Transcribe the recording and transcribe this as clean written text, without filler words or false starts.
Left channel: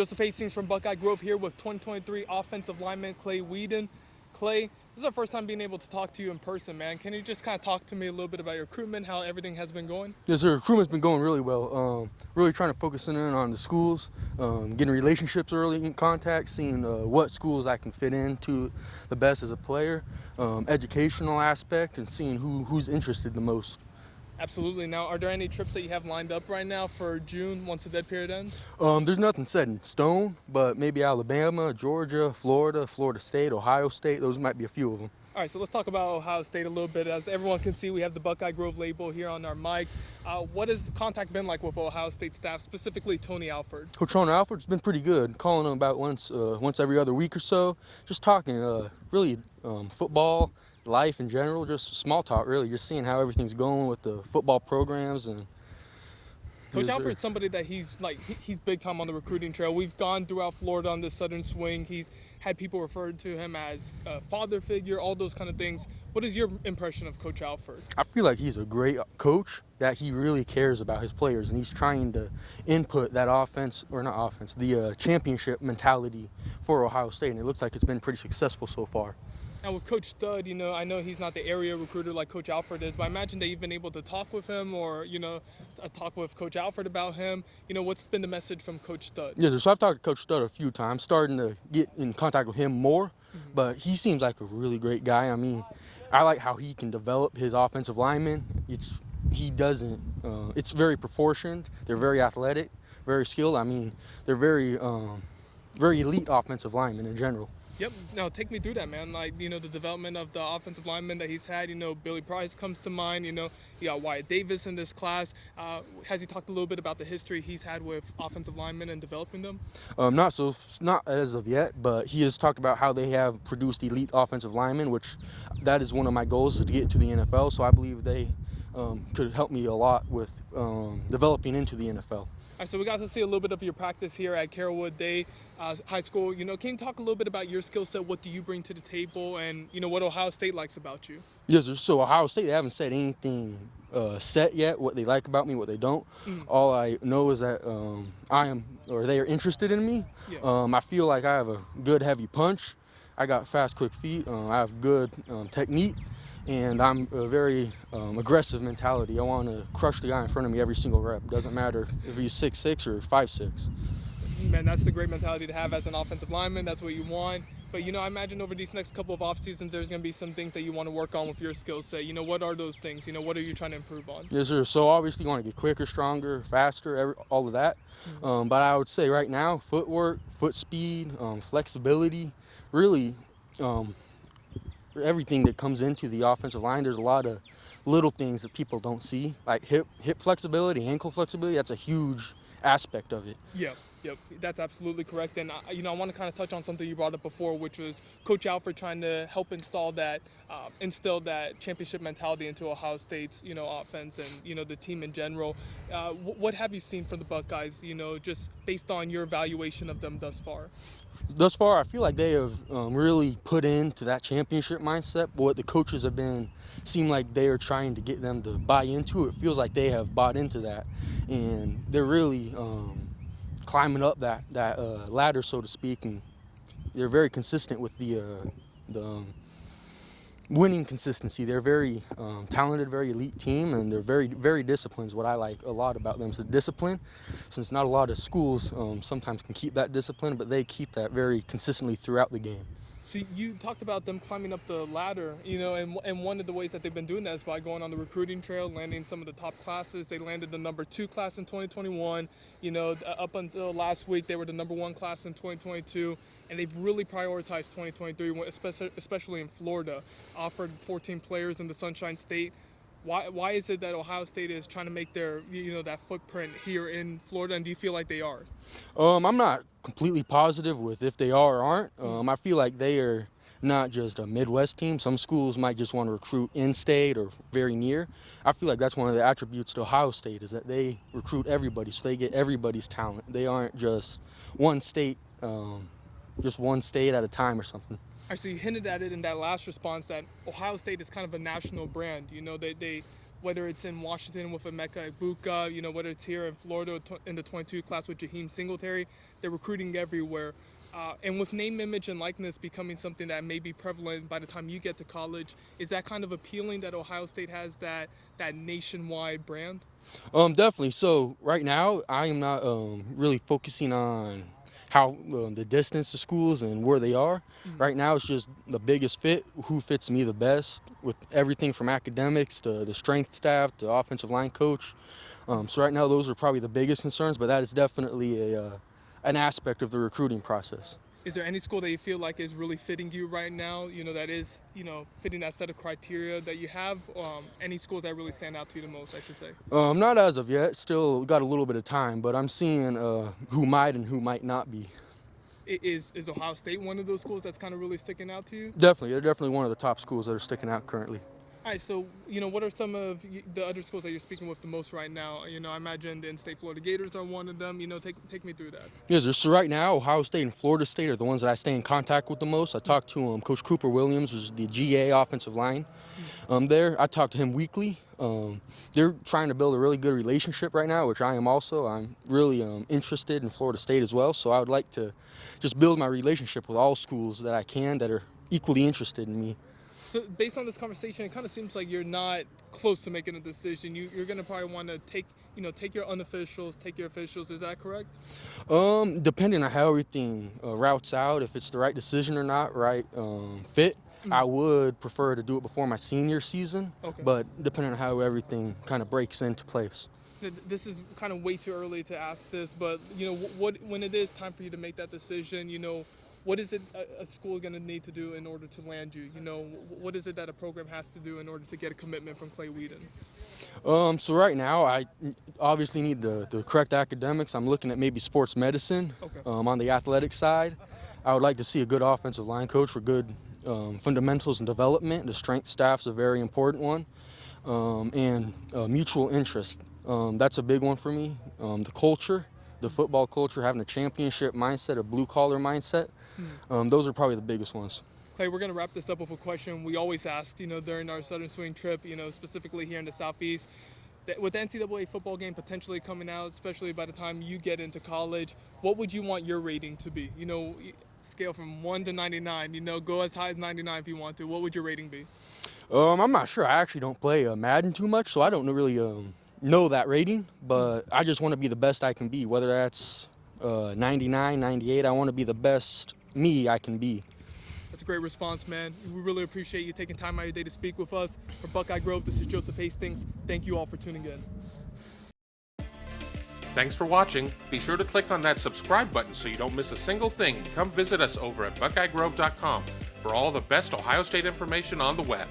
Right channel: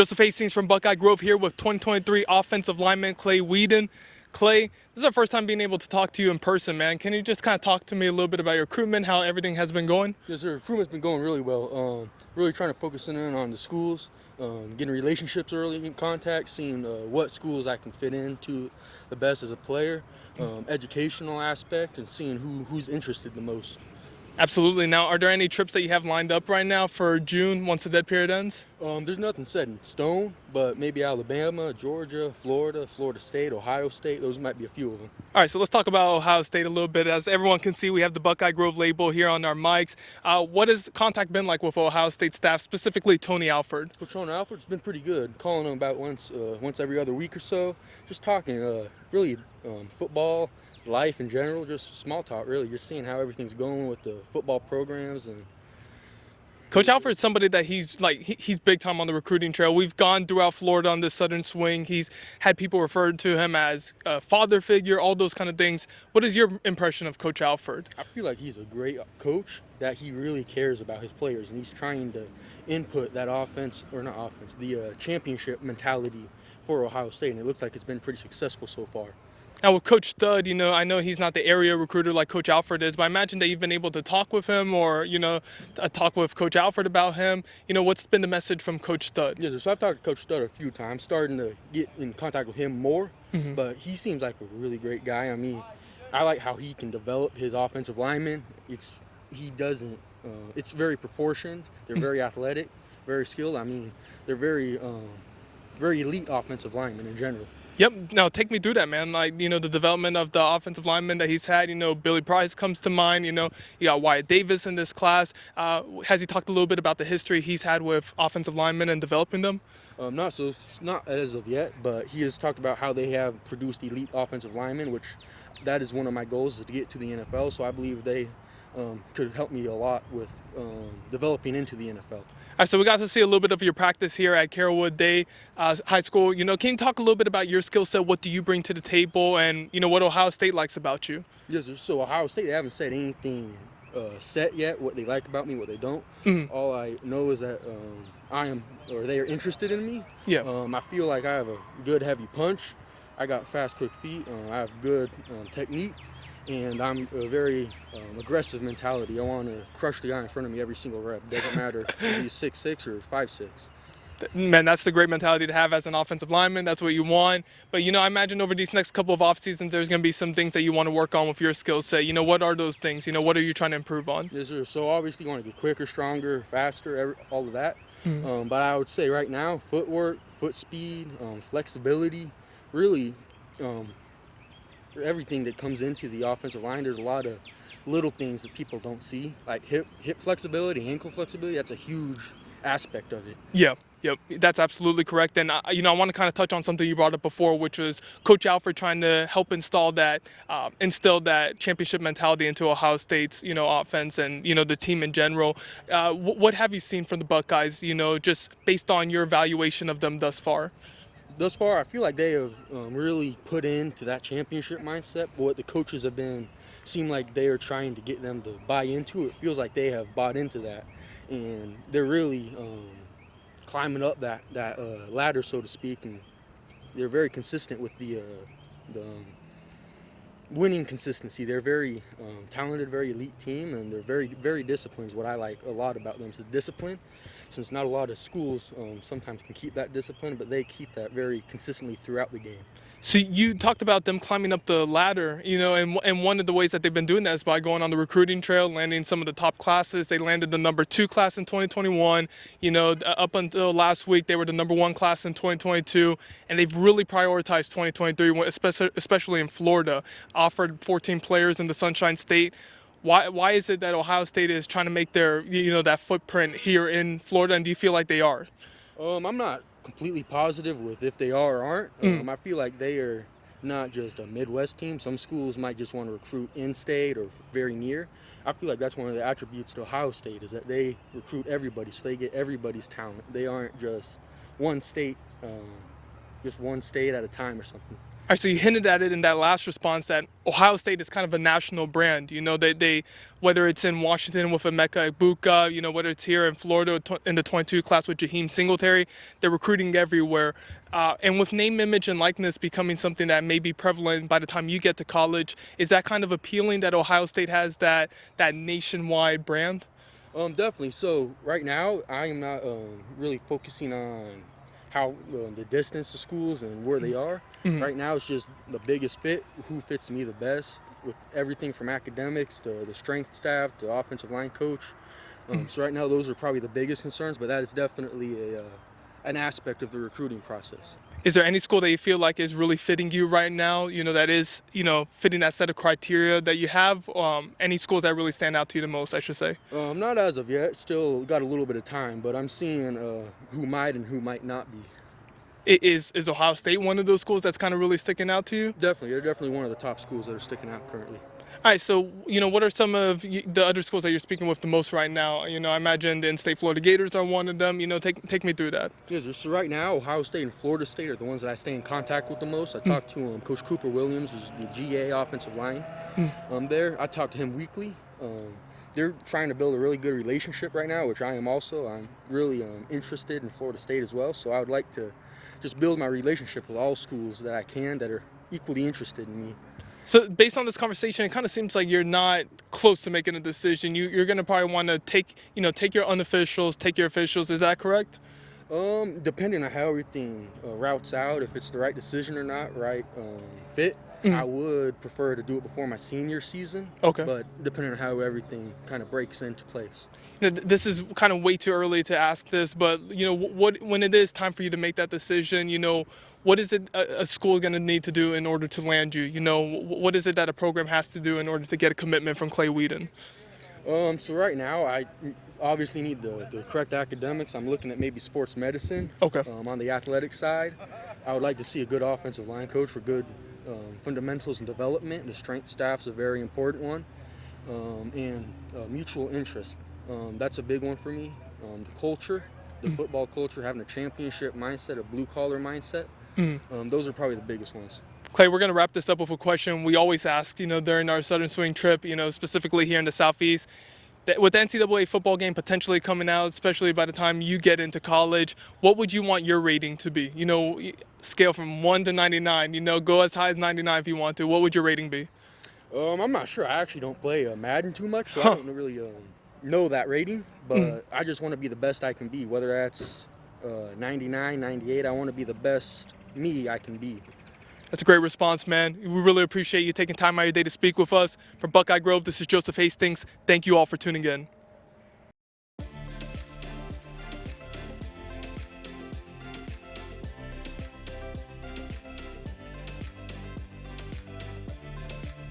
Joseph Hastings from Buckeye Grove here with 2023 offensive lineman Clay Wedin. Clay, this is our first time being able to talk to you in person, man. Can you just kind of talk to me a little bit about your recruitment, how everything has been going? Yes, sir. Recruitment's been going really well. Really trying to focus in on the schools, getting relationships early in contact, seeing what schools I can fit into the best as a player, educational aspect, and seeing who's interested the most. Absolutely. Now, are there any trips that you have lined up right now for June once the dead period ends? There's nothing set in stone, but maybe Alabama, Georgia, Florida, Florida State, Ohio State, those might be a few of them. All right, so let's talk about Ohio State a little bit. As everyone can see, we have the Buckeye Grove label here on our mics. What has contact been like with Ohio State staff, specifically Tony Alford? Coach Tony Alford's been pretty good, calling them about once every other week or so, just talking really football, life in general, just small talk really, just seeing how everything's going with the football programs. And Coach Alford's somebody that he's big time on the recruiting trail. We've gone throughout Florida on this Southern swing. He's had people refer to him as a father figure, all those kind of things. What is your impression of Coach Alford? I feel like he's a great coach, that he really cares about his players, and he's trying to input that the championship mentality for Ohio State, and it looks like it's been pretty successful so far. Now with Coach Stud, I know he's not the area recruiter like Coach Alford is, but I imagine that you've been able to talk with him or, talk with Coach Alford about him. What's been the message from Coach Stud? Yeah, so I've talked to Coach Stud a few times, starting to get in contact with him more, but he seems like a really great guy. I mean, I like how he can develop his offensive linemen. It's very proportioned. They're very athletic, very skilled. I mean, they're very elite offensive linemen in general. Yep. Now take me through that, man. Like, the development of the offensive lineman that he's had. Billy Price comes to mind. You got Wyatt Davis in this class. Has he talked a little bit about the history he's had with offensive linemen and developing them? Not as of yet, but he has talked about how they have produced elite offensive linemen, which that is one of my goals, is to get to the NFL. So I believe they could help me a lot with developing into the NFL. All right, so we got to see a little bit of your practice here at Carrollwood Day High School. Can you talk a little bit about your skill set? What do you bring to the table, and what Ohio State likes about you? Yes, sir. So Ohio State, they haven't said anything set yet, what they like about me, what they don't. All I know is that they are interested in me. Yeah. I feel like I have a good heavy punch. I got fast, quick feet. I have good technique. And I'm a very aggressive mentality. I want to crush the guy in front of me every single rep. Doesn't matter if he's 6'6" or 5'6". Man, that's the great mentality to have as an offensive lineman. That's what you want. But, I imagine over these next couple of off seasons, there's going to be some things that you want to work on with your skill set. What are those things? What are you trying to improve on? Yes, sir. So obviously you want to get quicker, stronger, faster, all of that. But I would say right now, footwork, foot speed, flexibility, really everything that comes into the offensive line. There's a lot of little things that people don't see, like hip flexibility, ankle flexibility. That's a huge aspect of it. Yep, that's absolutely correct. And I want to kind of touch on something you brought up before, which was Coach Alford trying to help instill that championship mentality into Ohio State's offense and the team in general. What have you seen from the Buckeyes? Just based on your evaluation of them thus far. Thus far, I feel like they have really put into that championship mindset. But what the coaches have seem like they are trying to get them to buy into. It feels like they have bought into that, and they're really climbing up that ladder, so to speak. And they're very consistent with the winning consistency. They're very talented, very elite team, and they're very, very disciplined is what I like a lot about them. So discipline, since not a lot of schools sometimes can keep that discipline, but they keep that very consistently throughout the game. So you talked about them climbing up the ladder, and one of the ways that they've been doing that is by going on the recruiting trail, landing some of the top classes. They landed the number 2 class in 2021. Up until last week, they were the number 1 class in 2022, and they've really prioritized 2023, especially in Florida. Offered 14 players in the Sunshine State. Why is it that Ohio State is trying to make their that footprint here in Florida, and do you feel like they are? I'm not completely positive with if they are or aren't. I feel like they are not just a Midwest team. Some schools might just want to recruit in-state or very near. I feel like that's one of the attributes to Ohio State, is that they recruit everybody, so they get everybody's talent. They aren't just one state at a time or something. All right, so you hinted at it in that last response that Ohio State is kind of a national brand. They whether it's in Washington with Emeka Egbuka, whether it's here in Florida in the 22 class with Jaheim Singletary. They're recruiting everywhere. And with name, image, and likeness becoming something that may be prevalent by the time you get to college, is that kind of appealing that Ohio State has that nationwide brand? Definitely. So right now, I am not really focusing on how the distance to schools and where they are. Mm-hmm. Right now, it's just the biggest fit, who fits me the best, with everything from academics to the strength staff to offensive line coach. So right now, those are probably the biggest concerns, but that is definitely an aspect of the recruiting process. Is there any school that you feel like is really fitting you right now, that is, fitting that set of criteria that you have? Any schools that really stand out to you the most, I should say? Not as of yet. Still got a little bit of time, but I'm seeing who might and who might not be. Is Ohio State one of those schools that's kind of really sticking out to you? Definitely. They're definitely one of the top schools that are sticking out currently. All right, so, what are some of the other schools that you're speaking with the most right now? I imagine the in-state Florida Gators are one of them. Take me through that. Yes, so right now, Ohio State and Florida State are the ones that I stay in contact with the most. I talked to Coach Cooper Williams, who's the GA offensive line there. I talk to him weekly. They're trying to build a really good relationship right now, which I am also. I'm really interested in Florida State as well, so I would like to just build my relationship with all schools that I can that are equally interested in me. So based on this conversation, it kind of seems like you're not close to making a decision. You're going to probably want to take your unofficials, take your officials. Is that correct? Depending on how everything routes out, if it's the right decision or not, right fit, I would prefer to do it before my senior season. Okay. But depending on how everything kind of breaks into place. This is kind of way too early to ask this, but when it is time for you to make that decision, what is it a school going to need to do in order to land you? What is it that a program has to do in order to get a commitment from Clay Wedin? So right now, I obviously need the correct academics. I'm looking at maybe sports medicine. Okay. On the athletic side, I would like to see a good offensive line coach for good fundamentals and development. The strength staff's a very important one, and mutual interest. That's a big one for me. The culture, the football culture, having a championship mindset, a blue-collar mindset. Those are probably the biggest ones. Clay, we're going to wrap this up with a question we always ask, during our Southern Swing trip, specifically here in the Southeast. With the NCAA football game potentially coming out, especially by the time you get into college, what would you want your rating to be? Scale from 1 to 99, go as high as 99 if you want to. What would your rating be? I'm not sure. I actually don't play Madden too much, so I don't really know that rating, but I just want to be the best I can be, whether that's 99, 98. I want to be the best me I can be. That's a great response, man. We really appreciate you taking time out of your day to speak with us. For Buckeye Grove, this is Joseph Hastings. Thank you all for tuning in. Thanks for watching. Be sure to click on that subscribe button so you don't miss a single thing, and come visit us over at BuckeyeGrove.com for all the best Ohio State information on the web.